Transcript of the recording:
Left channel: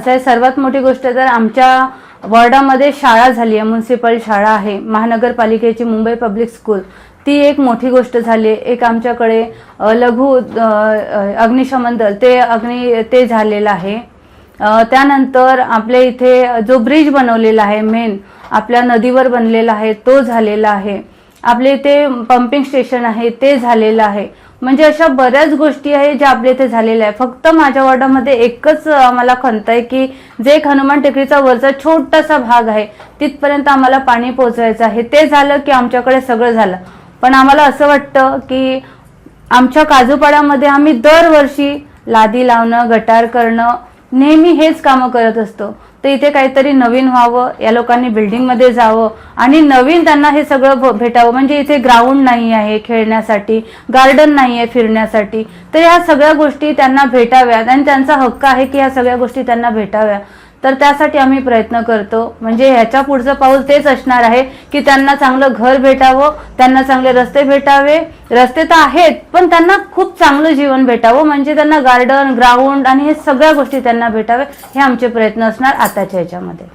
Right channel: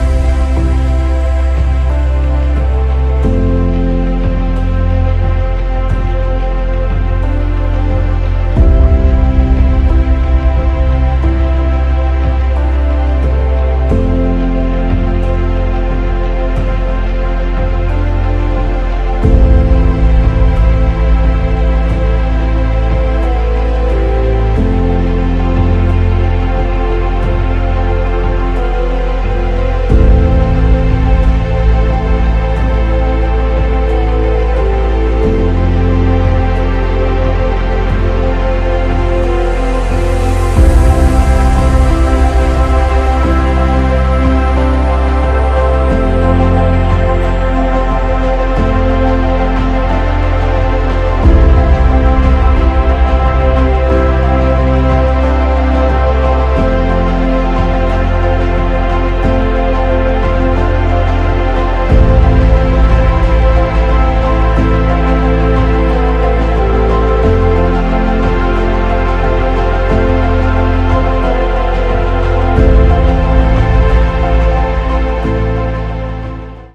असं सर्वात मोठी गोष्ट तर आमच्या वॉर्डामध्ये शाळा झाली आहे म्युन्सिपल शाळा आहे महानगरपालिकेची मुंबई पब्लिक स्कूल ती एक मोठी गोष्ट झाली आहे. एक आमच्याकडे लघु अग्निशमन दल ते अग्नि ते झालेलं आहे. त्यानंतर आपल्या इथे जो ब्रिज बनवलेला आहे मेन आपल्या नदीवर बनलेला आहे तो झालेला आहे. आपले इथे पंपिंग स्टेशन आहे ते झालेलं आहे. म्हणजे अशा बऱ्याच गोष्टी आहे ज्या आपल्या इथे झालेल्या आहे. फक्त माझ्या वॉर्डामध्ये एकच आम्हाला खंत आहे की जे एक हनुमान टेकडीचा वरचा छोटासा भाग आहे तिथपर्यंत आम्हाला पाणी पोहोचायचं आहे. ते झालं की आमच्याकडे सगळं झालं. पण आम्हाला असं वाटतं की आमच्या काजूपाड्यामध्ये आम्ही दरवर्षी लादी लावणं गटार करणं नेहमी हेच कामं करत असतो. तर इथे काहीतरी नवीन व्हावं या लोकांनी बिल्डिंगमध्ये जावं आणि नवीन त्यांना हे सगळं भेटावं. म्हणजे इथे ग्राउंड नाही आहे खेळण्यासाठी गार्डन नाही आहे फिरण्यासाठी. तर या सगळ्या गोष्टी त्यांना भेटाव्यात आणि त्यांचा हक्क आहे की या सगळ्या गोष्टी त्यांना भेटाव्यात. तर त्यासाठी आम्ही प्रयत्न करतो. म्हणजे ह्याच्या पुढचं पाऊल तेच असणार आहे की त्यांना चांगलं घर भेटावं त्यांना चांगले रस्ते भेटावे. रस्ते तर आहेत पण त्यांना खूप चांगलं जीवन भेटावं. म्हणजे त्यांना गार्डन ग्राउंड आणि हे सगळ्या गोष्टी त्यांना भेटाव्या हे आमचे प्रयत्न असणार आताच्या ह्याच्यामध्ये.